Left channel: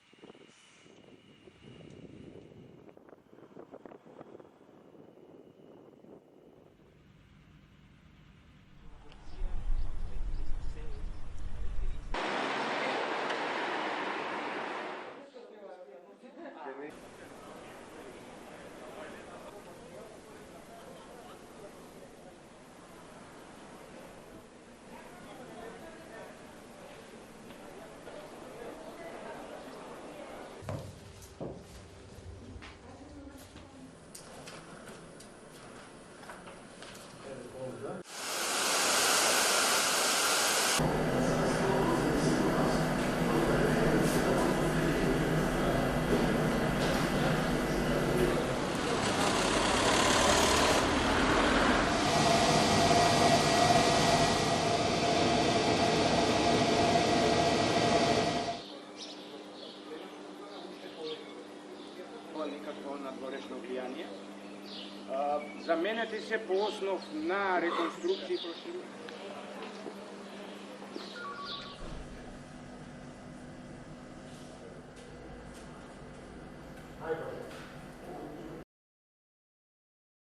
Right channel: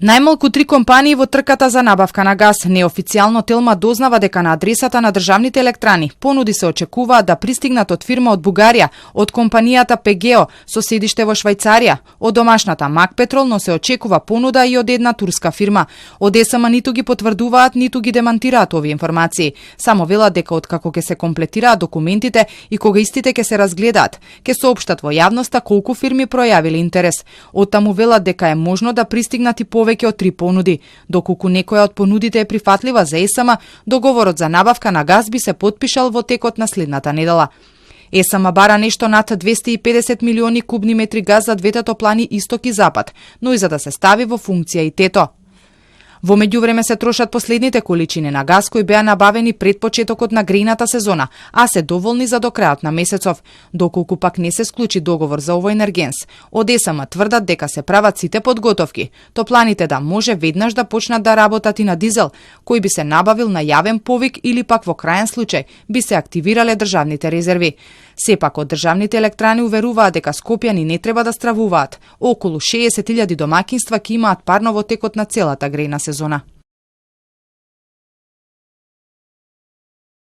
Најмалку 3 компании во трката за набавка на газ. Неофицијално Телма дознава дека на адресата на државните електрани понуди се очекуваат да пристигнат од фирма од Бугарија, од компанијата Пегео со седиште во Швајцарија, од домашната Мак Петрол, но се очекува понуда и од една турска фирма. Од ЕСМ ниту ги потврдуваат, ниту ги демантираат овие информации. Само велат дека откако ќе се комплетираат документите и кога истите ќе се разгледаат, ќе соопштат во јавноста колку фирми пројавиле интерес. Оттаму велат дека е можно да пристигнат и повеќе од 3 понуди. Доколку некоја од понудите е прифатлива за ЕСМ, договорот за набавка на газ би се потпишал во текот на следната недела. ЕСМ бара нешто над 250 милиони кубни метри газ за двете топлани Исток и Запад, но и за да се стави во функција и тето. Во меѓувреме се трошат последните количини на газ кои беа набавени пред почетокот на грејната сезона, а се доволни за до крајот на месецов, доколку пак не се склучи договор за овој енергенс. Од ЕСМ тврдат дека се прават сите подготовки, топланите да може веднаш да почнат да работат и на дизел, кој би се набавил на јавен повик или пак во крајен случај би се активирале државните резерви. Сепак од државните електрани уверуваат дека скопјани не треба да стравуваат. Околу 60.000 домакинства ќе имаат парно во текот на целата грејна сезона.